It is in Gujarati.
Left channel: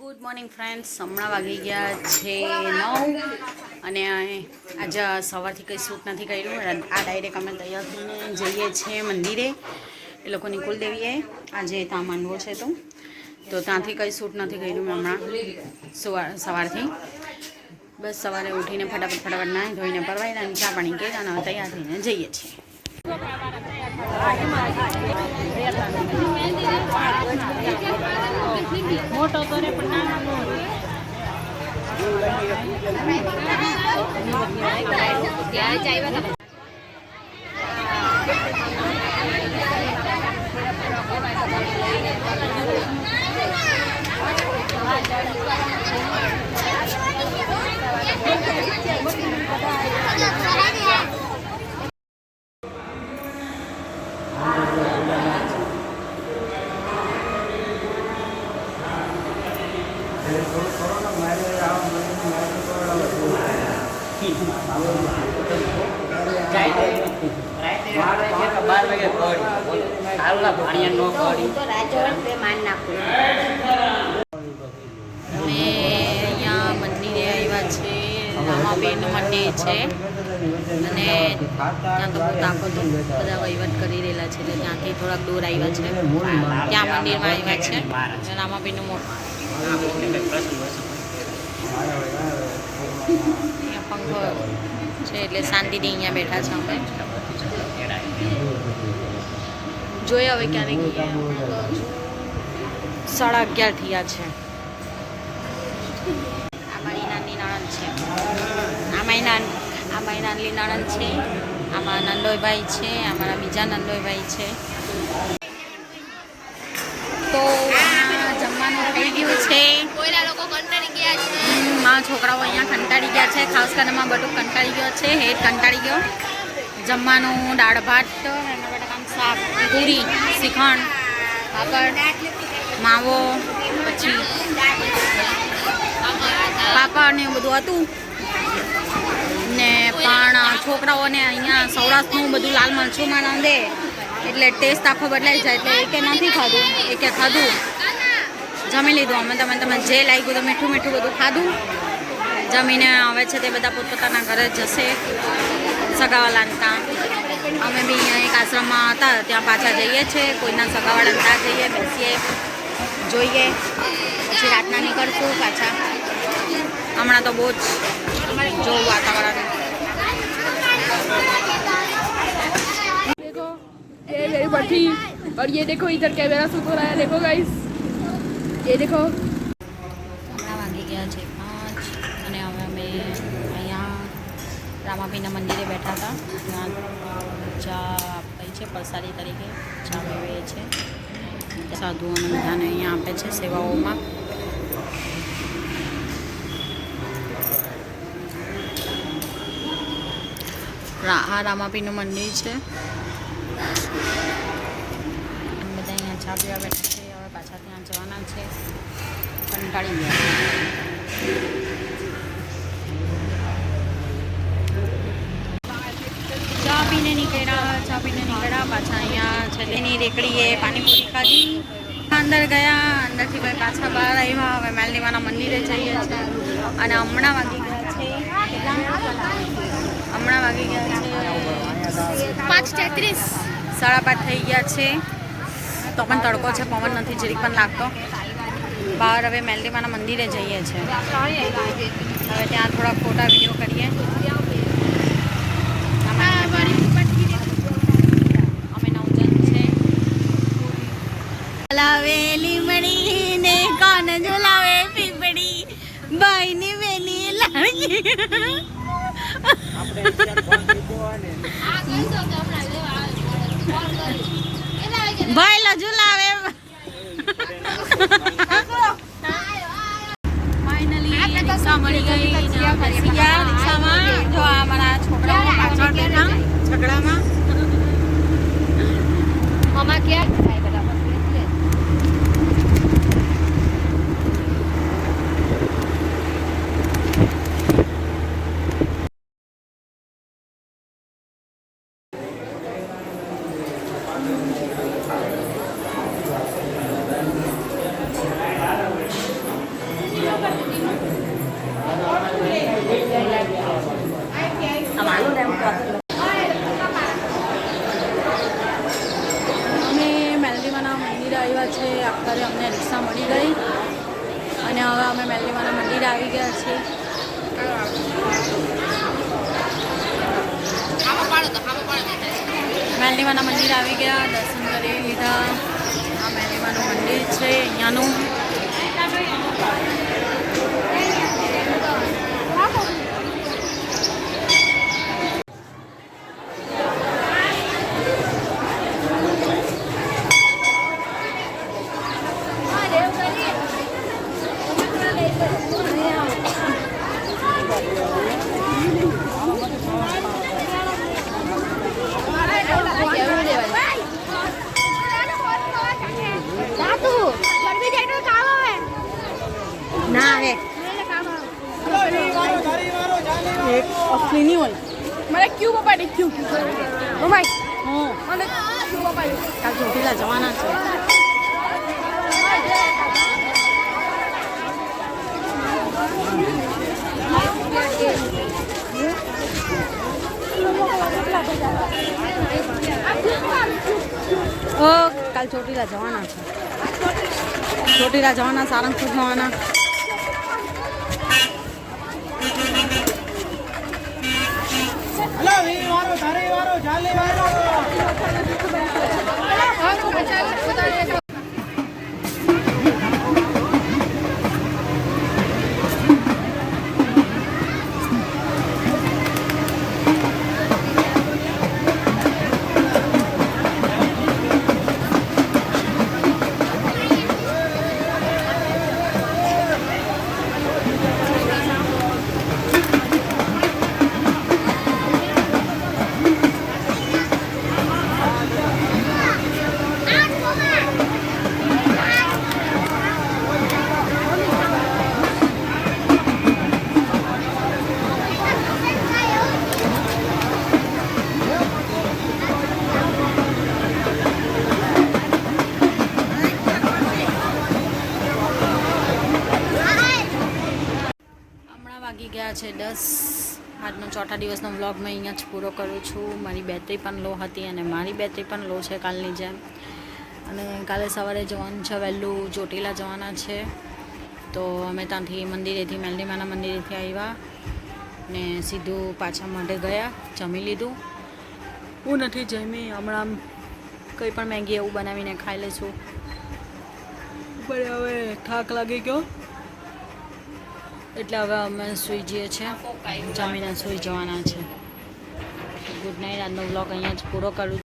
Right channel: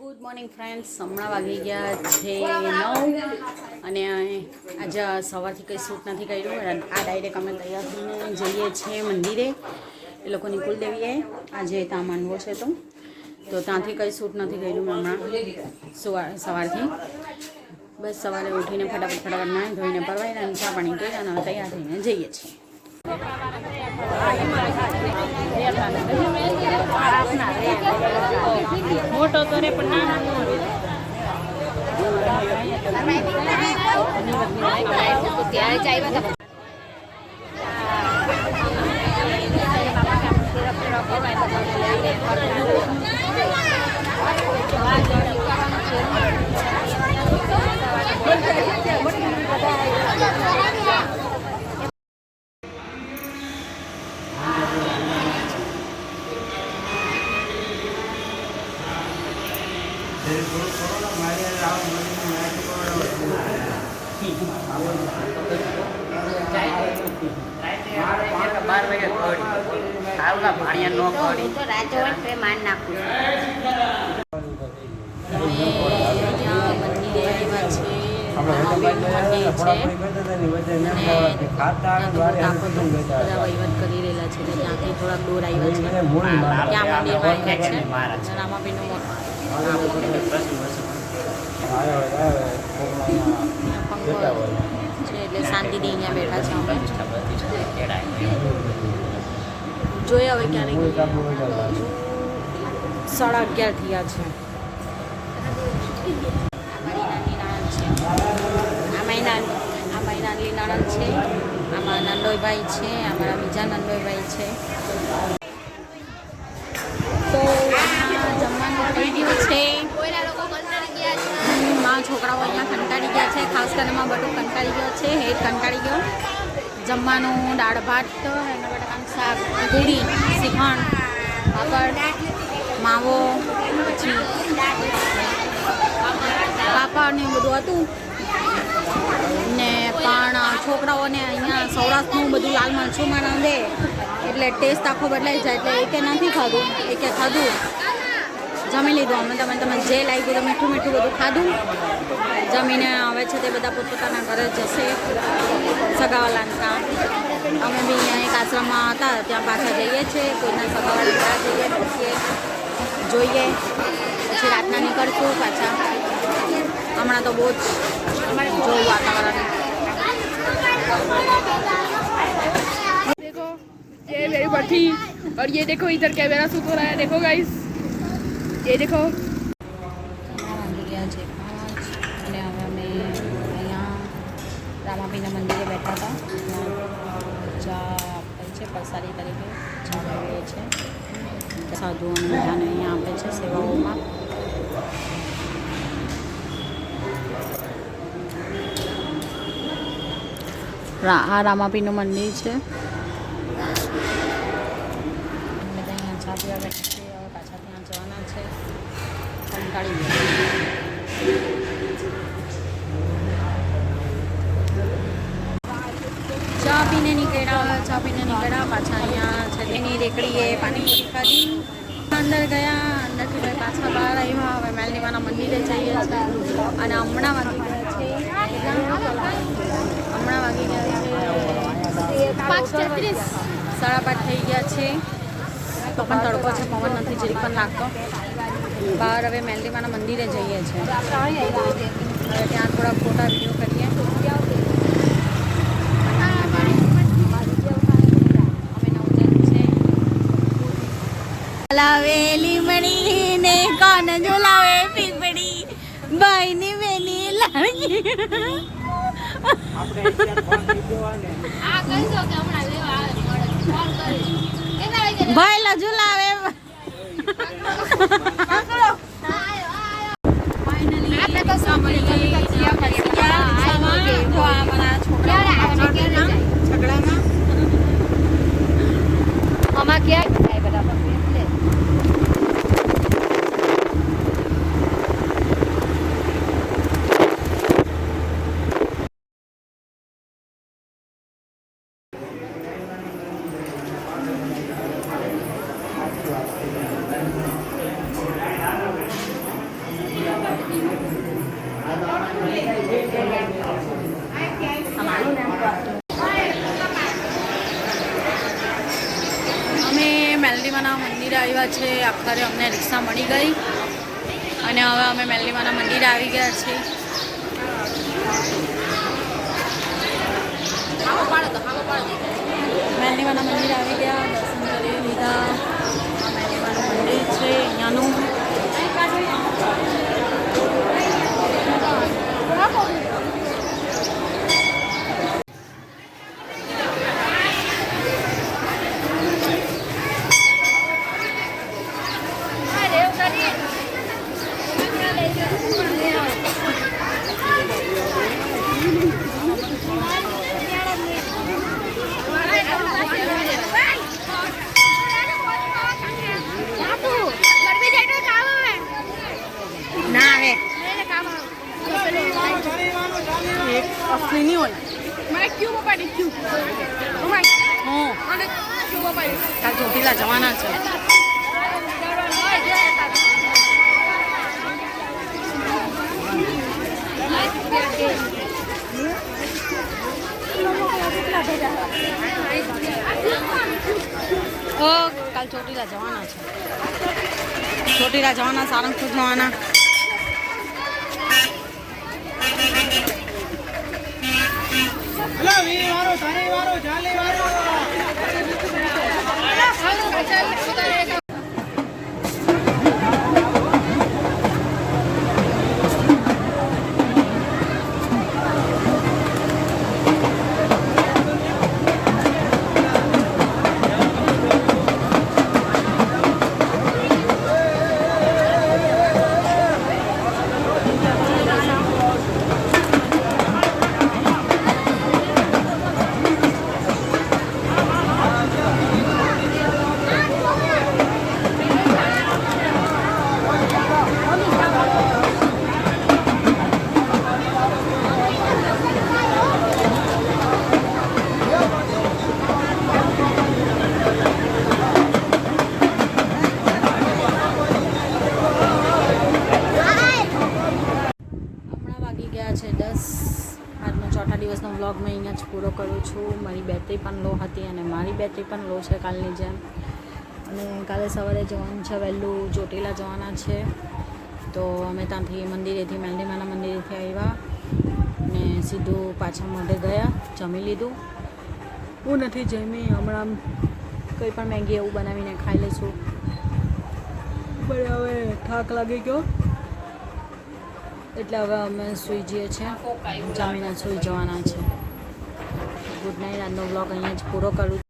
ગુડ મોર્નિંગ ફ્રેન્ડ્સ, હમણાં વાગી ગયા છે 9 અને આજે સવારથી કંઈ શૂટ નથી કર્યું. આ ડાયરેક્ટ અમે તૈયાર થઈને જઈએ છીએ મંદિરે. એ લોકોની કુલદેવીએ આજે ત્યાં માનવો છે તો ત્યાંથી કંઈ શૂટ નથી કર્યું મેં હમણાં સવારથી. બસ સવારે ઉઠીને ફટાફટ નાહી ધોઈને પરવાઈને ચા પાણી કર્યા અને તૈયાર થઈને જઈએ છીએ. મોટો તો રે પણ નાનો અહીંયા મંદિરે આવ્યા છે. રામાબેનનું મંદિર છે અને ત્યાં તો બહુ તાપ હતો. બધા વહીવટ કરી રહેલા છે એટલે ત્યાંથી થોડાક દૂર આવ્યા છે. ત્યાં મંદિરમાં આવ્યા છે રામાબેનનું મોટું અહીંયા પંખો છે એટલે શાંતિથી અહીંયા બેઠા છે અમે. જોઈએ હવે ક્યારે 11:30 થયા છે. આ મારી નાની નણંદ છે, આ મારી નાની નણંદ છે, આમાં નંદોઈભાઈ છે, અમારા બીજા નંદોઈભાઈ છે. તો જમવાનું થઈ ગયું છે. મારા છોકરાઓ અહીંયા કંટાળી ગયા છે. ખાસ કરીને માં બધું કંટાળી ગયો છે. હેડ કંટાળી ગયો. જમવાનું દાળ ભાત, એના બટાકાનું શાક, પૂરી, શ્રીખંડ, પાપડ, માવો, પછી પાપડ ને બધું હતું. ને પણ છોકરાઓને અહીંયા સૌરાષ્ટ્રનું બધું લાલ મરચુંમાં રાંધે એટલે ટેસ્ટ આખો બદલાઈ જાય એટલે એકે નથી ખાધું, એકે ખાધું. જમી લીધું અમે. તમે જે લાગ્યું તો મીઠું બધું ખાધું. જમીને આવે છે તે બધા પોતપોતાના ઘરે જશે સગાવાલાને ત્યાં. અમે બી અહીંયા એક આશ્રમમાં હતા ત્યાં પાછા જઈએ છીએ. કોઈના સગાવાળાને ત્યાં જઈએ, બેસીએ, જોઈએ, પછી રાતના નીકળશું પાછા. હમણાં તો બહુ જ જોવું વાતાવરણ. देखो ये मेरी भट्टी और ये देखो इधर कैमरा शूट हो रहा है. देखो गाइस, ये देखो. હમણાં વાગી ગયા છે 5 અને હવે અમે અહીંયા રામાપીના મંદિરે બેઠા હતા. ત્યાં ચા આપી છે પ્રસાદી તરીકે. ચા પીવે છે સાધુઓને બધાને અહીંયા આપે છે સેવાઓમાં. આ રામાપીનું મંદિર છે. બધા અહીંયા ચા પીવા બેઠા છે. હવે પાછા ત્યાં જવાના છે. કંટાળી ગયા. ચા પીને નીકળ્યા પાછા. અહીંયા છેલ્લીની રેકડીએ પાણીપુરી ખાધી. અંદર ગયા. અંદરથી ભાઈ પાછા બહાર આવ્યા. હવે મેલડીમાના મંદિરે જઈએ છીએ. અને હમણાં વાગી ગયા છે કેટલા? હમણાં વાગી ગયા છે 5:33. 5:30 થઈ ગયા છે. તો પણ તડકો છે, પવન નથી જરીક પણ લાગતો. બહાર હવે મેલડીમાના મંદિરે જઈએ છીએ. હવે ત્યાં થોડા ફોટા વિડીયો કરીએ. અમે 9 જણ છે. લાવેલી મળીને કાન ઝુલાવે પીપળી ભાઈની બેની લાગી. ભાઈ લા ઝુલાવે. ફાઇનલી રિક્ષા મળી ગઈ. જો આ મારા છોકરાઓ પાછળ બેઠા ઝઘડામાં. આમાં ક્યાં આવ્યા છે. આખરે અમને રિક્ષા મળી ગઈ અને હવે અમે મેલડીમાના મંદિરે આવી ગયા છીએ. મેલડીમાના મંદિરે આવી ગયા, દર્શન કરી લીધા. આ મેલડીમાનું મંદિર છે અહીંયાનું. ના આવે અસલી નહીં હોય. મારે ક્યુ મોબાઈલ ક્યુ મોબાઈલ હું અને ક્યુ મોબાઈલ કાલ ચોટીલા જવાના છે. કાલ ચોટીલા જવાના છે. ચોટીલા જવાના, સારંગપુર જવાના. ગયા છે 10. આજનો ચોથા દિવસનો વ્લોગ મેં અહીંયા જ પૂરો કરું છું. મારી બેટરી પણ લો હતી અને મારી બેટરી પણ લો છે કાલની જેમ. અને કાલે સવારે જવાનું છે, વહેલું ચોટીલા જવાના છે. તો અમે ત્યાંથી મંદિરેથી, મેલડીમાના મંદિરેથી આવ્યા ને સીધું પાછા માટે ગયા. જમી લીધું. હું નથી જમી, હમણાં કંઈ પણ મેગી એવું બનાવીને ખાઈ લઈશું. પણ હવે થાક લાગી ગયો એટલે હવે અમે સૂઈ જઈએ છીએ. જમીને સૂઈ જવાના છે. Good night. આજનો બ્લોગ અહીંયા જ પૂરો કરું.